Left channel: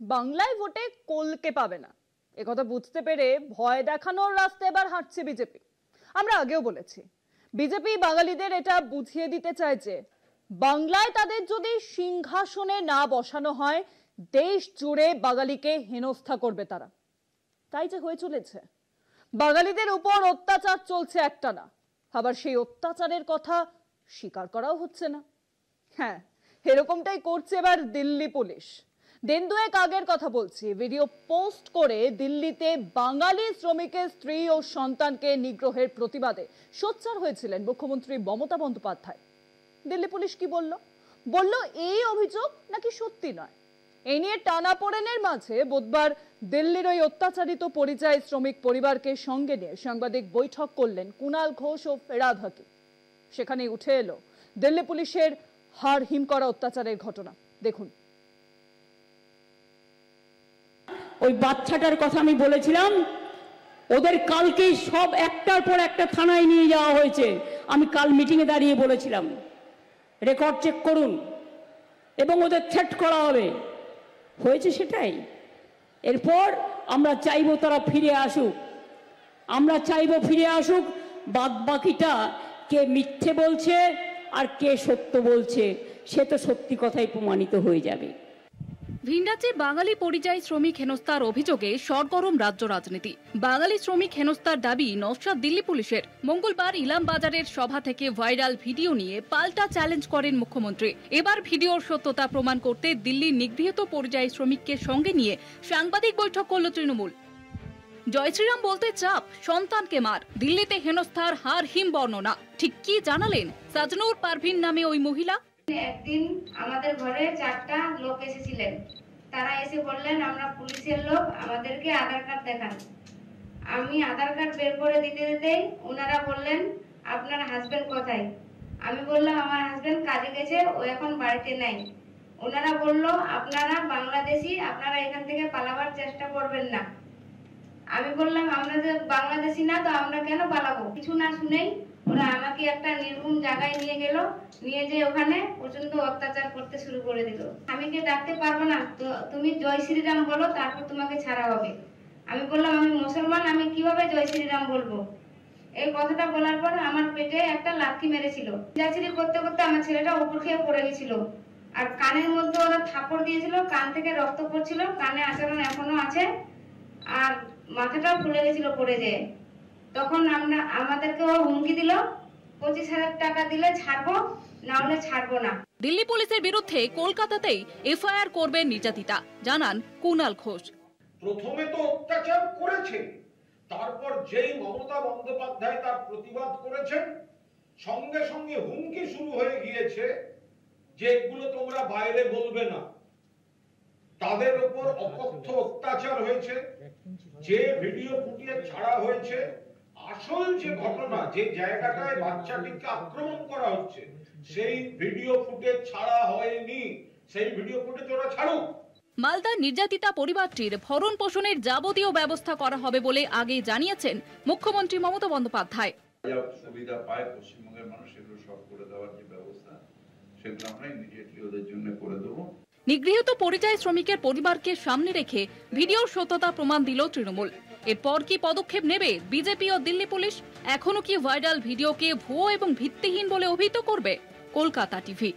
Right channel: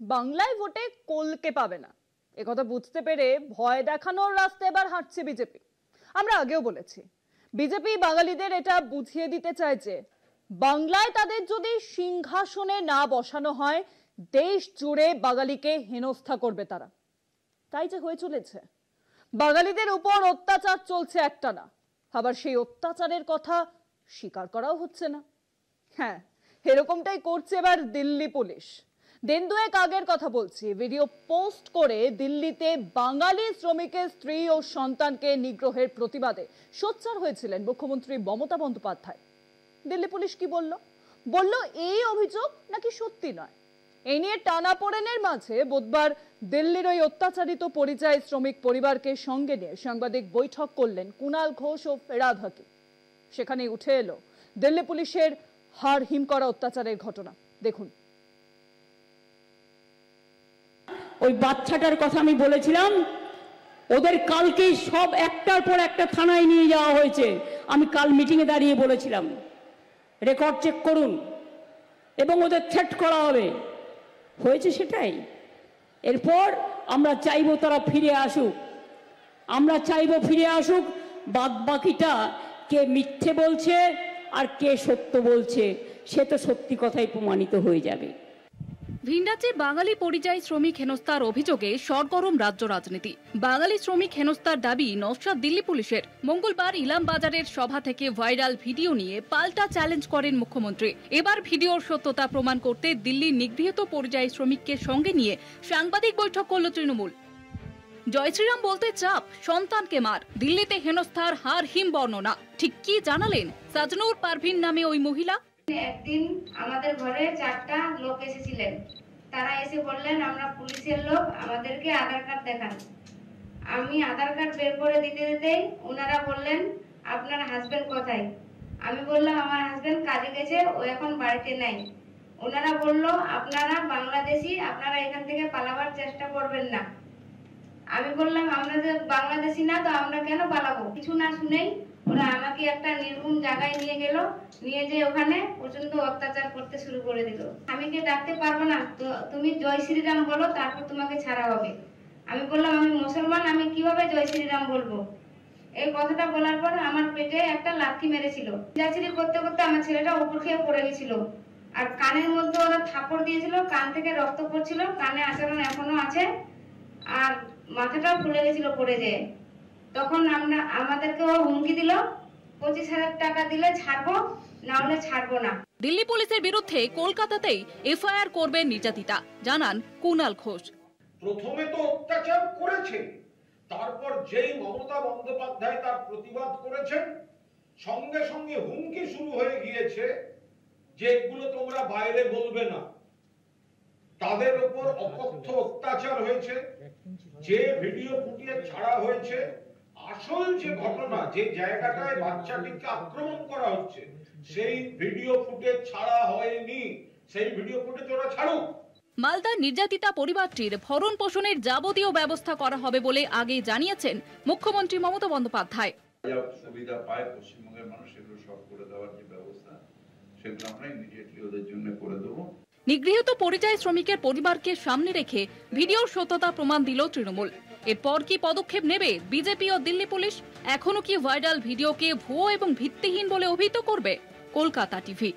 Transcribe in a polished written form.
বাংলায় ভোটে কলকে পাবে না একথা বুঝতে পেরে ভয় দেখানোর রাস্তায় এবার হাঁটছে বিজেপি। আমরা আগেও বলেছি বিজেপি বাঙালিদের এটা বুঝিয়ে দিতে চায় যে বাংলায় তাদের যদি সিংহাসনে না বসানো হয় দেশ জুড়ে বাঙালিকে হেনস্থা করবে তারা। তাই যে হয়ে চলেছে, বাঙালিদের উপর অত্যাচার চলছে একটানা, আবার সেই অত্যাচারের কথা স্বীকার করাও হচ্ছে না। হ্যাঁ, এরকমটাই করছে এবার দিল্লি পুলিশ। দিন দুয়েক আগের কথা বলছি, ভিডিও পোস্ট করে দিল্লিতে বাঙালি শ্রমিকের স্ত্রী ও সন্তানকে নিগ্রহের প্রতিবাদে সোচ্চার হয়েছিলেন মুখ্যমন্ত্রী মমতা বন্দ্যোপাধ্যায়। দিল্লি পুলিশ কি বলল এই অভিযোগ নাকি সত্যি নয়। এই নিয়ে টানাপোড়েনের মাঝে বুধবার দিল্লির ওই অত্যাচারিত পরিযায়ী শ্রমিক পরিবারকে সঙ্গে নিয়ে সাংবাদিক বৈঠক করলেন কুণাল ঘোষ ও ফেরাদ হাকিম। সেখানে উঠে এলো দিল্লি পুলিশের হাড় হিম করা অত্যাচারের ঘটনা। দেখুন, ওই বাচ্চাটার কথা আমি বলেছিলাম, ওদের কালকে সব একটার পর একটা থানায় নিয়ে যাওয়া হয়েছে। আমি কাল মিটিংয়ে দাঁড়িয়ে বলেছিলাম রেকর্ড চেক করুন এবং ওদের থ্রেট করা হবে। হয়েছে সেটাই। এরপর আমরা চাইবো তারা ফিরে আসুক, আমরা চাইবো ফিরে আসুক। বাদ বাকিটা কে মিথ্যে বলছে আর কে সত্য বলছে সে তো সত্যি কথাই প্রমাণিত হয়ে যাবে। ভিনরাজ্যে বাঙালি পরিযায়ী শ্রমিক হেনস্থার অভিযোগে সরগরম রাজ্য রাজনীতি। বাঙালি শ্রমিক হেনস্থার দাবি নস্যাৎ দিল্লি পুলিশের। মঙ্গলবার ইলাম বাজারের সভা থেকে ভাইরাল ভিডিও নিয়ে পাল্টা চ্যালেঞ্জ করেন মুখ্যমন্ত্রী। এবার ভিডিওর সত্যতা প্রমাণ করতে দিল্লির নিগৃহীত পরিযায়ী শ্রমিককে সঙ্গে নিয়ে সাংবাদিক বৈঠক করল তৃণমূল। জয় শ্রীরাম বলতে চাপ, সন্তানকে মার, দিল্লিতে হেনস্থার হার হিম বর্ণনা। ঠিক কি জানালেন সাজনুর পারভিন নামে ওই মহিলা? একদিন আমাদের ঘরে 4টা লোক এসেছিলেন। তারা এসে বললেন আমরা পুলিশের লোক, আমাদেরকে আধার কার্ড দেখান। আমি আধার কার্ড বের করে দিতে দিতেই ওনারা বললেন আপনার হাজবেন্ড কোথায়? আমি বললাম আমার হাজবেন্ড কাজে গেছে, ও এখন বাড়িতে নাই। ওনারা বলল আপনারা বাংলাদেশি, আপনারা এখান থেকে পালাবার চেষ্টা করবেন না। আমি বললাম আমরা যে বাংলাদেশি না তো আমরা কেন পালাবো? কিছু না শুনেই ওরা আমাকে একটা নির্ভুম জায়গায় নিয়ে গেল, নিয়ে যে ওখানে প্রচন্ড অত্যাচার করতে শুরু করে দিল। আমি কে ডাকতে পারবো না, তো তুমি জয় শ্রীরাম বলো, তারপর তোমাকে ছাড়া হবে। আমি বললাম আমি মুসলমান, আমি কিভাবে জয় শ্রীরাম বলবো? এই কথাটা বলার পর আমার পেটে একটা লাথি মেরেছিল। চিল্লাচিল্লি করতে করতে আমার ছেলেটা উপর খেয়ে পড়ে গেছিল, আর কানের মধ্যে ওরা থাপড় দিয়েছিল, কান থেকে রক্ত পড়ছিল, কানে আচরণ এখনো আছে, আর মাথাটাও ফুলে গেছিল পড়ে যেয়ে। তখন আমাদেরকে হুমকি দিল 25,000 টাকা দিলে ছাড়বো, না হলে ছাড়বো না। দিল্লি পুলিশের বিরুদ্ধে কলকাতাতেই এফআইআর করবেন নির্যাতিতা, জানান কুণাল ঘোষ। প্রথমে তো অত্যাচার করেছে, তারপর যেই মমতা বন্দ্যোপাধ্যায় তার প্রতিবাদ করেছেন সঙ্গে সঙ্গে হুমকি শুরু হয়ে গিয়েছে যে এগুলো তোমরা বাইরে বলবে না। তাদের উপর অকথ্য অত্যাচার হয়েছে, যে ভিডিও ফুটিয়ে ছাড়া হয়েছে, আসল যে ঘটনা, যে জায়গাটায় বাচ্চাটিকে আক্রমণ করা হচ্ছে সেই ভিডিও ফুটেজ ছাড়া হয়নি। সেই ভিডিও ফুটেজ ওরা ছাড়ুক। মালদার নির্যাতিতা পরিবারটির ভরণ পোষণের যাবতীয় ব্যবস্থা করা হবে বলে আগে জানিয়েছেন মুখ্যমন্ত্রী মমতা বন্দ্যোপাধ্যায়। সুবিধা পায় পশ্চিমবঙ্গের মানুষ, এগুলো সব করে দেওয়ার যে ব্যবস্থা সেগুলো আমরা ইমিডিয়েটলি ওদের জন্য করে দেবো। নিগৃহীত পরিযায়ী শ্রমিকের পরিবারকে সামনে রেখে ভিডিওর সত্যতা প্রমাণ দিল তৃণমূল। এরপর কি পদক্ষেপ নেবে বিজেপি ও দিল্লি পুলিশ? এখনো কি ভাইরাল ভিডিওকে ভুয়ো এবং ভিত্তিহীন বলে অভিহিত করবে? কলকাতা টিভি।